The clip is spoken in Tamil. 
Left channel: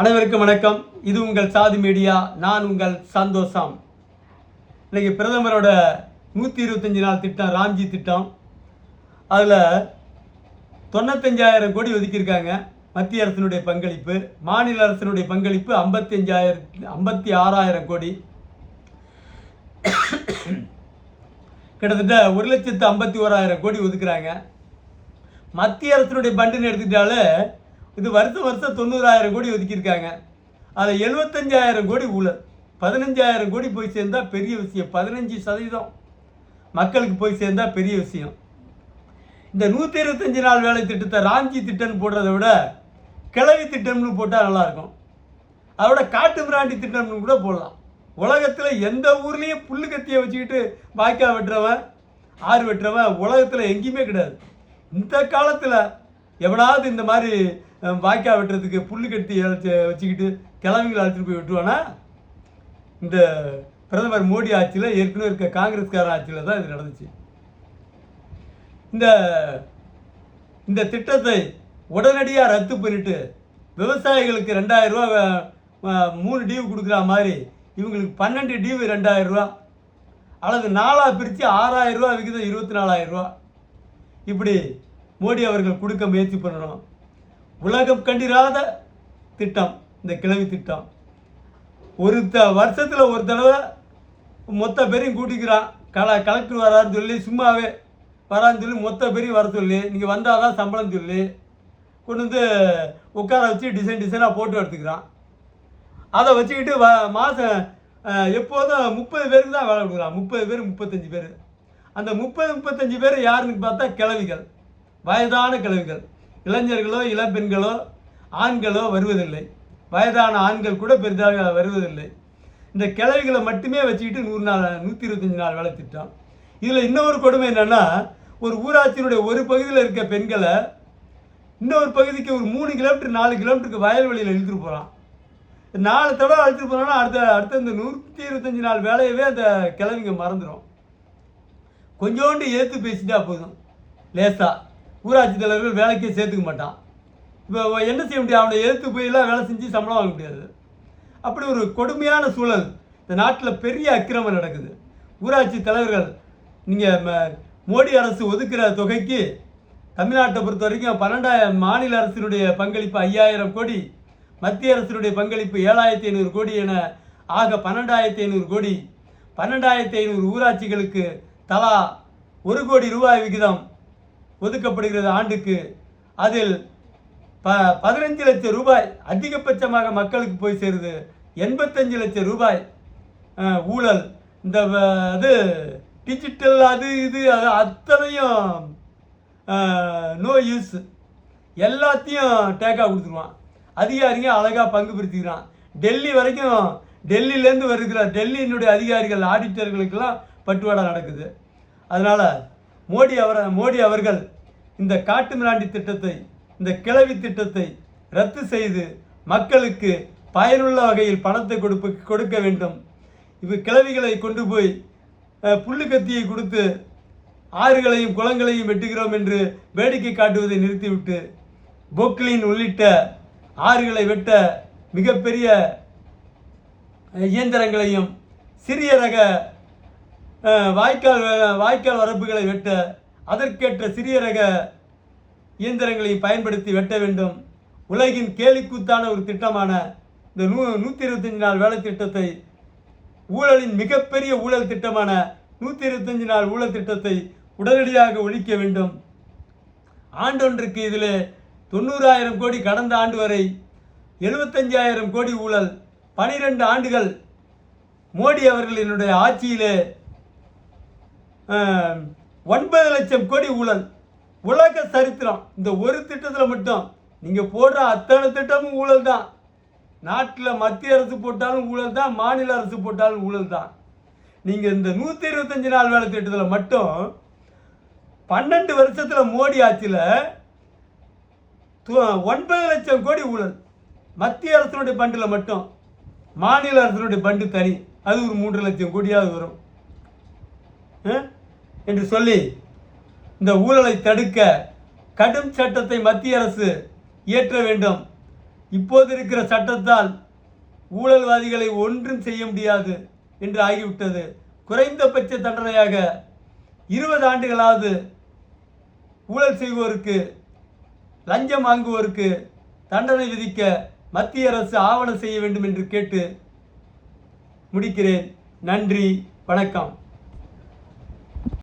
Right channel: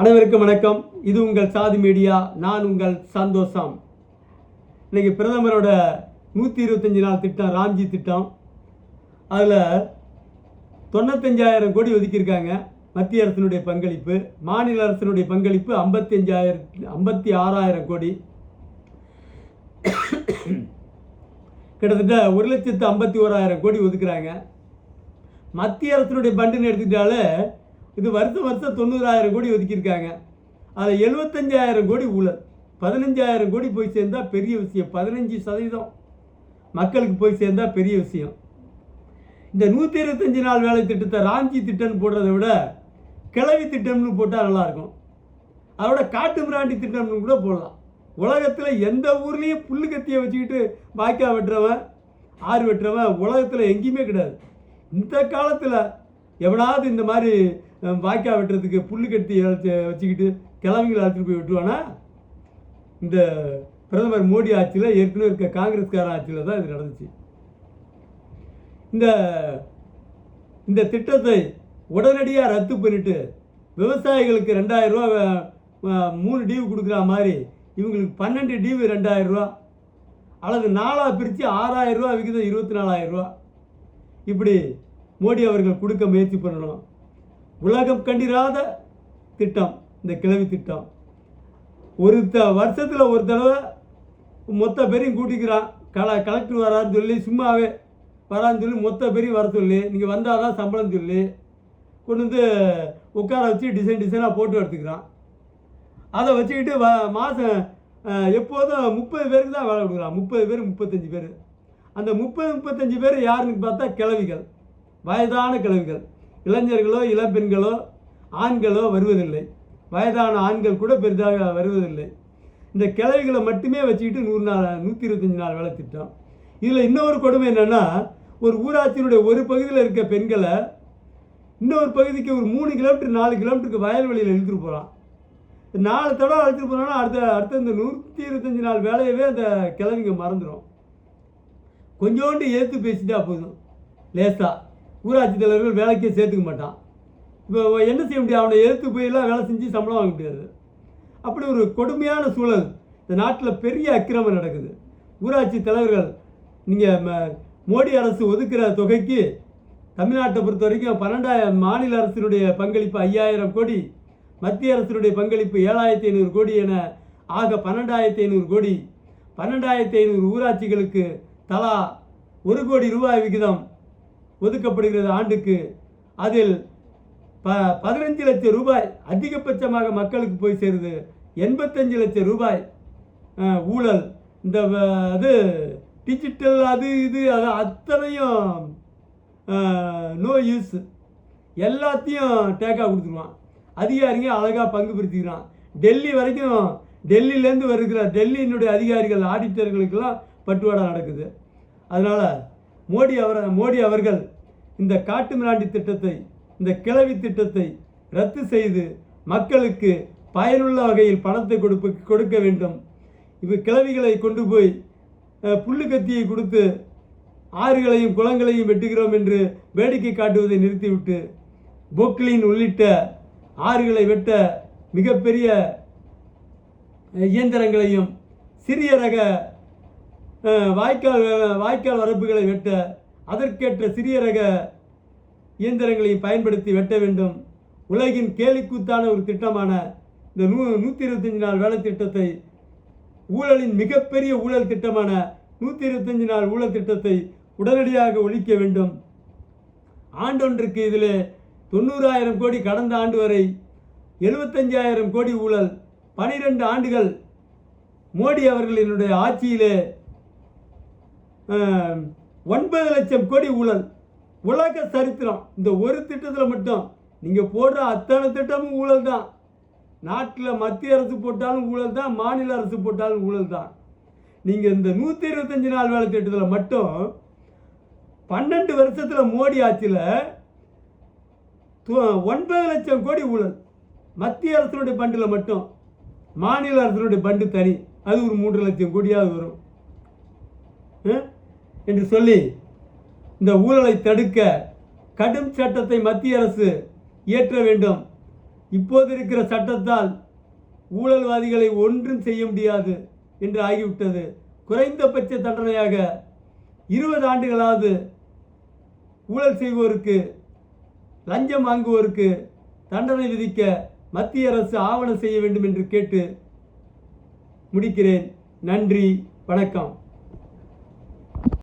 அனைவருக்கும் வணக்கம். இது உங்கள் சாதி மீடியா. நான் உங்கள் சந்தோஷம். இன்னைக்கு பிரதமரோட 125 நாள் திட்டம், ராம்ஜி திட்டம். அதில் 95,000 கோடி ஒதுக்கியிருக்காங்க. மத்திய அரசினுடைய பங்களிப்பு, மாநில அரசினுடைய பங்களிப்பு 56,000 கோடி. கிட்டத்தட்ட 1,51,000 கோடி ஒதுக்குறாங்க. மத்திய அரசினுடைய பண்டுன்னு எடுத்துக்கிட்டாலே இது வருஷம் 90,000 கோடி ஒதுக்கியிருக்காங்க. அதில் 75,000 கோடி ஊழல், 15,000 கோடி போய் சேர்ந்தால் பெரிய விஷயம். 15% மக்களுக்கு போய் சேர்ந்தால் பெரிய விஷயம். இந்த 125 நாள் வேலை திட்டத்தை ராம்ஜி திட்டம்னு போடுறதை விட கிளவி திட்டம்னு போட்டால் நல்லாயிருக்கும். அதோட காட்டு மிராண்டி திட்டம்னு கூட போடலாம். உலகத்தில் எந்த ஊர்லேயும் புல்லு கத்தியை வச்சுக்கிட்டு வாய்க்கால் வெட்டுறவன், ஆறு வெட்டுறவன் உலகத்தில் எங்கேயுமே கிடையாது. இந்த காலத்தில் எவனாவது இந்த மாதிரி வாய்க்கால் வெட்டுறதுக்கு புல்லு கட்டி வச்சுக்கிட்டு கிழமைகளை அழைச்சிட்டு போய் வெட்டுவானா? இந்த பிரதமர் மோடி ஆட்சியில், ஏற்கனவே இருக்க காங்கிரஸ்கார ஆட்சியில் தான் இது நடந்துச்சு. இந்த திட்டத்தை உடனடியாக ரத்து பண்ணிட்டு விவசாயிகளுக்கு 2,000 ரூபா 3 டியூ கொடுக்குற மாதிரி இவங்களுக்கு 12 டியூ 2,000 ரூபா, அல்லது 4ஆக பிரித்து 6,000 ரூபா விகிதம் 24,000 ரூபா இப்படி மோடி அவர்கள் கொடுக்க முயற்சி பண்ணணும். உலகம் கண்டிராத திட்டம் இந்த கிளவி திட்டம். வருஷத்தில் ஒரு தடவை மொத்த பேரையும் கூட்டிக்கிறான். கலெக்டர் வரான்னு சொல்லி, சும்மாவே வரான்னு சொல்லி மொத்த பேரையும் வர சொல்லி, நீங்கள் வந்தால் தான் சம்பளம் சொல்லி கொண்டு வந்து உட்கார வச்சு டிசைனாக போட்டு எடுத்துக்கிறான். அதை வச்சுக்கிட்டு மாதம் எப்போதும் 30 பேருக்கு தான் வேலை கொடுக்குறான். 30 பேர் 35 பேர். அந்த 35 பேர் யாருன்னு பார்த்தா கிழவிகள், வயதான கிழவிகள். இளைஞர்களோ இளம்பெண்களோ ஆண்களோ வருவதில்லை. வயதான ஆண்கள் கூட பெரிதாக வருவதில்லை. இந்த கிழவிகளை மட்டுமே வச்சுக்கிட்டு 125 நாள் வேலை திட்டம். இதில் இன்னொரு கொடுமை என்னென்னா, ஒரு ஊராட்சியினுடைய ஒரு பகுதியில் இருக்க பெண்களை இன்னொரு பகுதிக்கு ஒரு 3 கிலோமீட்டர் 4 கிலோமீட்டருக்கு வயல்வெளியில் இழுத்துட்டு போகிறான். 4 தடவை அழைச்சிட்டு போனான்னா அடுத்த இந்த 125 நாள் வேலையவே அந்த கிழவிங்க மறந்துடும். கொஞ்சோண்டு ஏற்று பேசிட்டா போதும். லேசாக ஊராட்சி தலைவர்கள் வேலைக்கே சேர்த்துக்க மாட்டான். இப்போ என்ன செய்ய முடியும்? அவனை எதிர்த்து போயெல்லாம் வேலை செஞ்சு சம்பளம் வாங்க முடியாது. அப்படி ஒரு கொடுமையான சூழல் இந்த நாட்டில். பெரிய அக்கிரமம் நடக்குது. ஊராட்சி தலைவர்கள், நீங்கள் மோடி அரசு ஒதுக்குற தொகைக்கு தமிழ்நாட்டை பொறுத்த வரைக்கும் 12,000, மாநில அரசினுடைய பங்களிப்பு 5,000 கோடி, மத்திய அரசினுடைய பங்களிப்பு 7,500 கோடி என ஆக 12,500 கோடி. 12,500 ஊராட்சிகளுக்கு தலா 1 கோடி ரூபாய் விகிதம் ஒதுக்கப்படுகிறது ஆண்டுக்கு. அதில் 15 லட்சம் ரூபாய் அதிகபட்சமாக மக்களுக்கு போய் சேருது. 85 லட்சம் ரூபாய் ஊழல். இந்த டிஜிட்டல் அது அத்தனையும் நோ யூஸ், எல்லாத்தையும் டேக்காக கொடுத்துருவான். அதிகாரிங்க அழகாக பங்கு பிரிச்சுக்கிறான். டெல்லி வரைக்கும், டெல்லியிலேருந்து வருகிற டெல்லியினுடைய அதிகாரிகள், ஆடிட்டர்களுக்கெல்லாம் பட்டுவாடா நடக்குது. அதனால் மோடி அவர்கள் இந்த காட்டு மிராண்டி திட்டத்தை, இந்த கிளவி திட்டத்தை ரத்து செய்து மக்களுக்கு பயனுள்ள வகையில் பணத்தை கொடுக்க வேண்டும். கிளவிகளை கொண்டு போய் புல்லு கத்தியை கொடுத்து ஆறுகளையும் குளங்களையும் வெட்டுகிறோம் என்று வேடிக்கை காட்டுவதை நிறுத்திவிட்டு பொக்லின் உள்ளிட்ட ஆறுகளை வெட்ட மிகப்பெரிய இயந்திரங்களையும், சிறிய ரக வாய்க்கால் வரப்புகளை வெட்ட அதற்கேற்ற சிறிய ரக இயந்திரங்களையும் பயன்படுத்தி வெட்ட வேண்டும். உலகின் கேலிக்கூத்தான ஒரு திட்டமான இந்த 125 நாள் வேலை திட்டத்தை, ஊழலின் மிகப்பெரிய ஊழல் திட்டமான 125 நாள் ஊழல் திட்டத்தை உடனடியாக ஒழிக்க வேண்டும். ஆண்டொன்றுக்கு இதில் 90,000 கோடி, கடந்த ஆண்டு வரை 75,000 கோடி ஊழல். 12 ஆண்டுகள் மோடி அவர்களினுடைய ஆட்சியிலே 9 லட்சம் கோடி ஊழல். உலக சரித்திரம். இந்த ஒரு திட்டத்தில் மட்டும் நீங்கள் போடுற அத்தனை திட்டமும் ஊழல் தான். நாட்டில் மத்திய அரசு போட்டாலும் ஊழல் தான், மாநில அரசு போட்டாலும் ஊழல் தான். நீங்கள் இந்த 125 நாள் வேலை திட்டத்தில் மட்டும் 12 வருஷத்தில் மோடி ஆட்சியில் 9 லட்சம் கோடி ஊழல். மத்திய அரசினுடைய பண்டில் மட்டும், மாநில அரசினுடைய பண்டு தனி, அது ஒரு 3 லட்சம் கோடியாவது வரும் என்று சொல்லி இந்த ஊழலை தடுக்க கடும் சட்டத்தை மத்திய அரசு இயற்ற வேண்டும். இப்போது இருக்கிற சட்டத்தால் ஊழல்வாதிகளை ஒன்றும் செய்ய முடியாது என்று ஆகிவிட்டது. குறைந்தபட்ச தண்டனையாக 20 ஆண்டுகளாவது ஊழல் செய்வோருக்கு, லஞ்சம் வாங்குவோருக்கு தண்டனை விதிக்க மத்திய அரசு ஆவணம் செய்ய வேண்டும் என்று கேட்டு முடிக்கிறேன். நன்றி, வணக்கம்.